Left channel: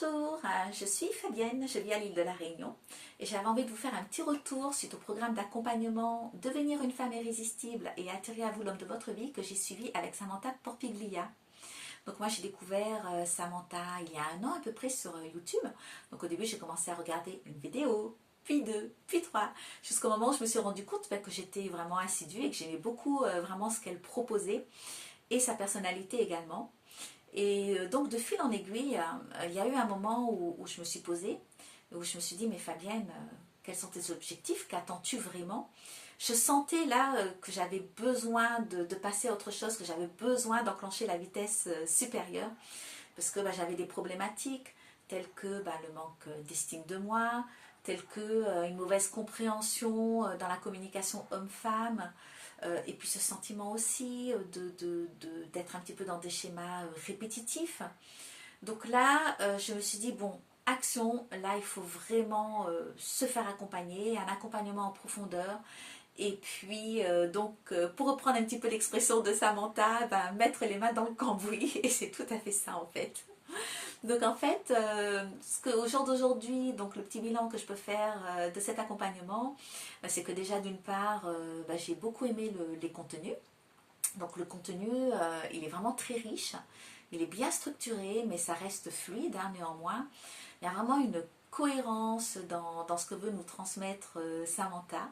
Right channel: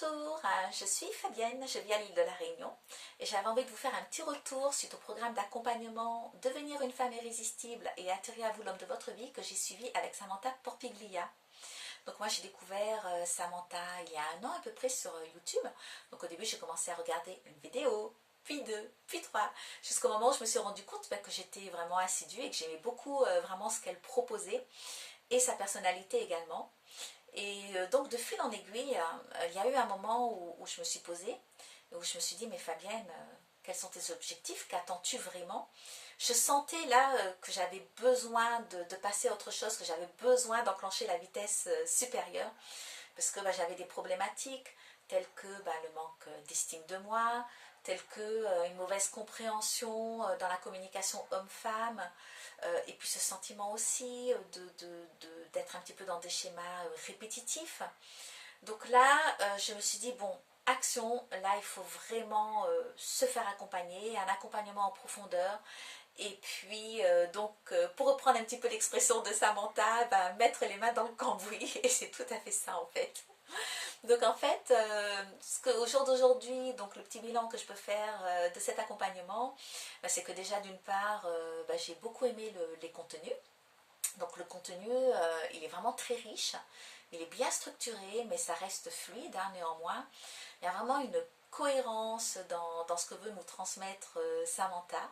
Bonjour, je suis Fabienne, je vis à l'île de la Réunion et j'avais envie de vous faire un petit retour suite au programme d'accompagnement Devenir une femme irrésistible et attirer à vous l'homme de votre vie que j'ai suivi avec Samantha Porpiglia. Donc moi j'ai découvert Samantha il y a un an à peu près sur YouTube. Donc au début j'ai commencé à regarder une vidéo, puis deux, puis trois, jusqu'au moment où je me suis rendu compte que j'étais vraiment assidue et que j'aimais beaucoup vraiment ce qu'elle proposait et sa personnalité également. Et donc de fil en aiguille, il y a eu un moment où je me suis posée, où je me suis dit, mais Fabienne, quels sont tes objectifs? Qu'attends-tu vraiment? Je sentais là que j'avais besoin de passer à autre chose, que j'avais besoin d'enclencher la vitesse supérieure, parce que j'avais des problématiques telles que le manque d'estime de moi, telles que une mauvaise compréhension dans la communication homme-femme, et puis ce sentiment aussi d'être un petit peu dans des schémas répétitifs. Donc là, je me suis dit, bon, action, là il faut vraiment se faire accompagner, un accompagnement en profondeur. Et puis, pour reprendre un petit peu l'expression de Samantha, mettre les mains dans le cambouis, et c'est tout à fait ça en fait. Donc en fait, au jour d'aujourd'hui, donc le petit bilan que je peux faire de cet accompagnement, c'est que déjà d'une part, j'ai beaucoup aimé les contenus. Donc le contenu, il est vraiment très riche, il est bien structuré, mais ça reste fluide néanmoins. Il y a vraiment une cohérence dans ce que veut nous transmettre Samantha.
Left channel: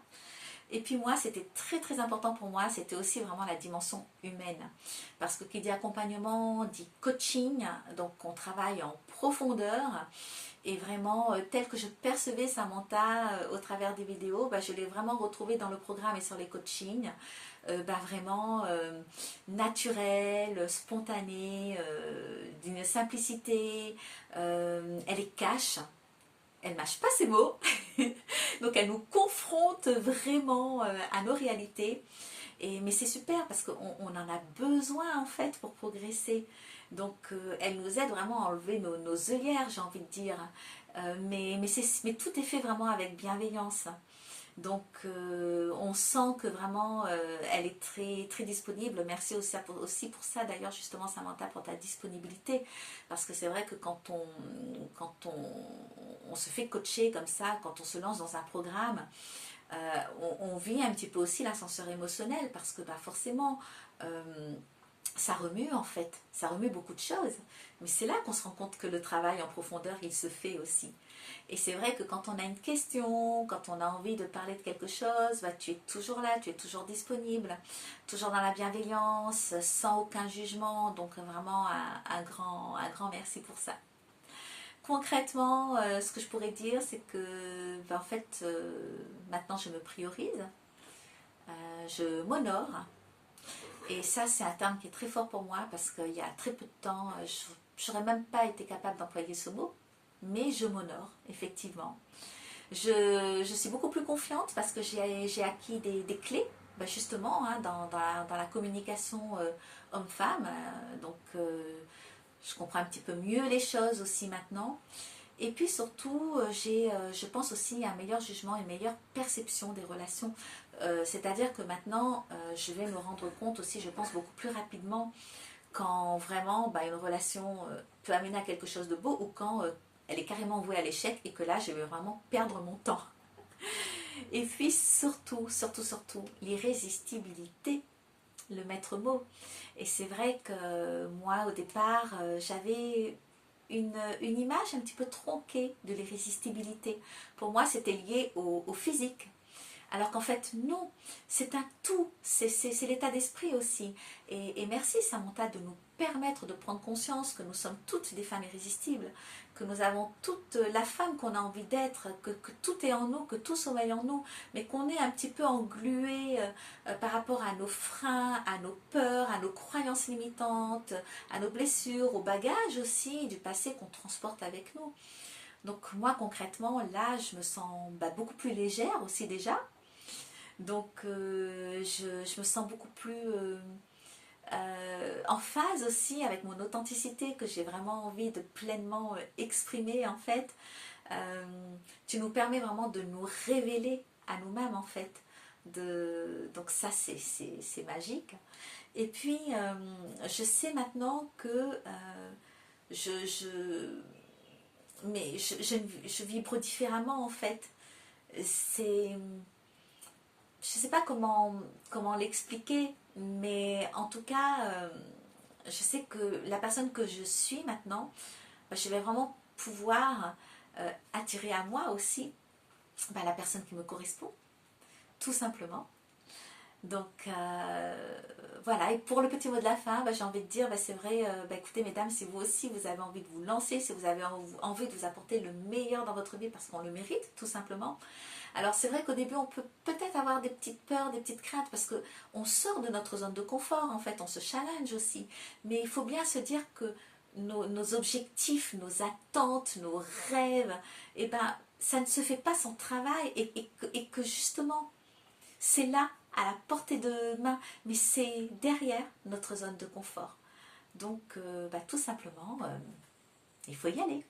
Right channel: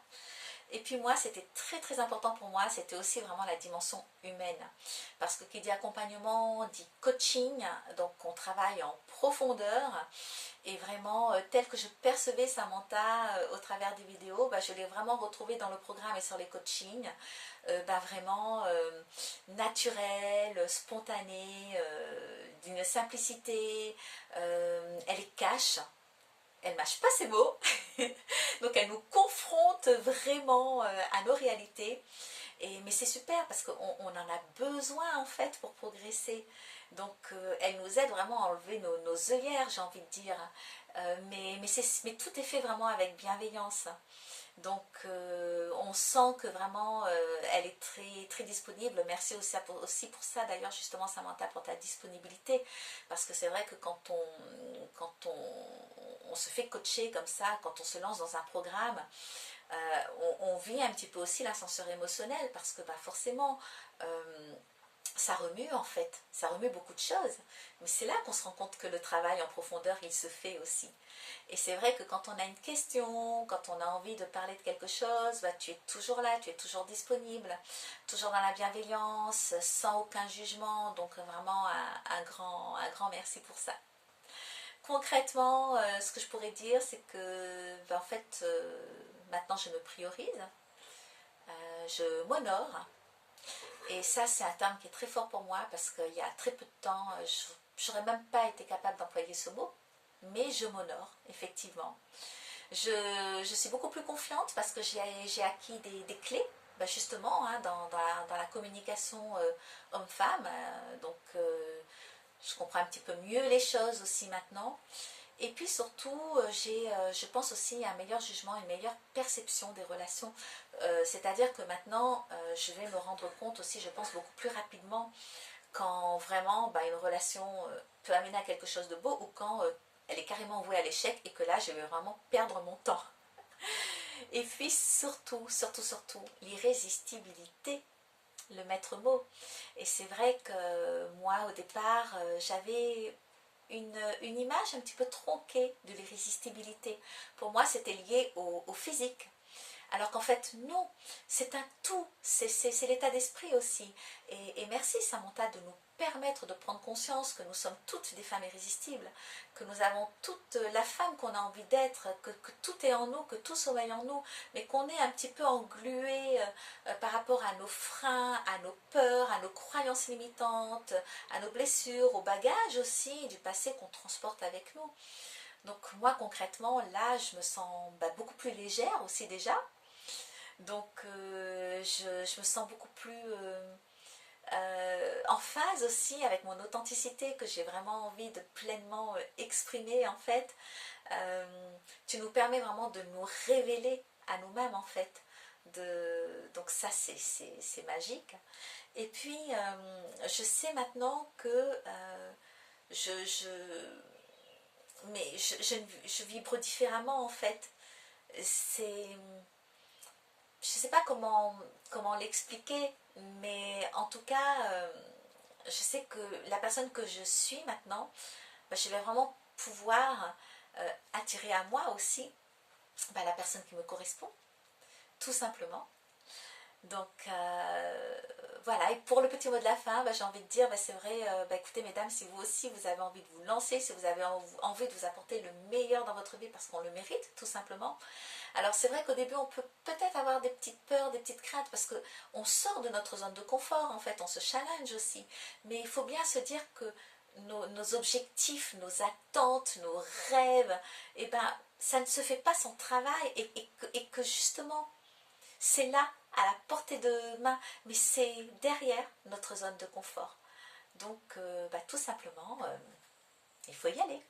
Et puis moi, c'était très très important pour moi, c'était aussi vraiment la dimension humaine. Parce que qui dit accompagnement, dit coaching, donc on travaille en profondeur. Et vraiment, tel que je percevais Samantha au travers des vidéos, je l'ai vraiment retrouvée dans le programme et sur les coachings. Vraiment naturelle, spontanée, d'une simplicité. Elle est cash. Elle mâche pas ses mots, donc elle nous confronte vraiment à nos réalités. Mais c'est super parce qu'on en a besoin en fait pour progresser. Donc elle nous aide vraiment à enlever nos œillères, j'ai envie de dire. Mais tout est fait vraiment avec bienveillance. Donc on sent que vraiment elle est très, très disponible. Merci aussi pour ça d'ailleurs justement Samantha pour ta disponibilité. Parce que c'est vrai que quand on se fait coacher comme ça, quand on se lance dans un programme, on vit un petit peu aussi l'ascenseur émotionnel parce que forcément ça remue en fait, ça remue beaucoup de choses, mais c'est là qu'on se rend compte que le travail en profondeur il se fait aussi. Et c'est vrai que quand on a une question, quand on a envie de parler de quelque chose, tu es toujours là, tu es toujours disponible, toujours dans la bienveillance, sans aucun jugement, donc vraiment un grand merci pour ça. Concrètement, ce que je pourrais dire, c'est que en fait, maintenant je me priorise, je m'honore. Et ça, c'est un terme qui est très fort pour moi parce qu'il y a très peu de temps, je n'aurais même pas été capable d'employer ce mot, mais je m'honore, effectivement. Je suis beaucoup plus confiante parce que j'ai acquis des clés, justement, dans la communication homme-femme. Je comprends un petit peu mieux les choses aussi maintenant. Et puis surtout, je pense aussi à un meilleur jugement, une meilleure perception des relations. C'est-à-dire que maintenant, je vais me rendre compte aussi, je pense, beaucoup plus rapidement quand vraiment une relation peut amener à quelque chose de beau ou quand elle est carrément vouée à l'échec et que là, je vais vraiment perdre mon temps. Et puis surtout, surtout, surtout, l'irrésistibilité, le maître mot. Et c'est vrai que moi, au départ, j'avais une image un petit peu tronquée de l'irrésistibilité. Pour moi, c'était lié au physique. Alors qu'en fait, non, c'est un tout, c'est l'état d'esprit aussi. Et merci Samantha de nous permettre de prendre conscience que nous sommes toutes des femmes irrésistibles, que nous avons toute la femme qu'on a envie d'être, que tout est en nous, que tout sommeille en nous, mais qu'on est un petit peu englué par rapport à nos freins, à nos peurs, à nos croyances limitantes, à nos blessures, au bagage aussi du passé qu'on transporte avec nous. Donc moi concrètement, là, je me sens beaucoup plus légère aussi déjà. Donc je me sens beaucoup plus en phase aussi avec mon authenticité que j'ai vraiment envie de pleinement exprimer en fait. Tu nous permets vraiment de nous révéler à nous-mêmes en fait. Donc ça c'est magique. Et puis je sais maintenant que je mais je vibre différemment en fait. C'est, je sais pas comment l'expliquer, mais en tout cas, je sais que la personne que je suis maintenant, je vais vraiment pouvoir attirer à moi aussi la personne qui me correspond, tout simplement. Donc voilà, et pour le petit mot de la fin, j'ai envie de dire, c'est vrai, écoutez mesdames, si vous aussi vous avez envie de vous lancer, si vous avez envie de vous apporter le meilleur dans votre vie parce qu'on le mérite tout simplement. Alors c'est vrai qu'au début on peut peut-être avoir des petites peurs, des petites craintes parce qu'on sort de notre zone de confort en fait, on se challenge aussi. Mais il faut bien se dire que nos objectifs, nos attentes, nos rêves, ça ne se fait pas sans travail et que justement c'est là, à la portée de main, mais c'est derrière notre zone de confort. Donc, tout simplement, il faut y aller.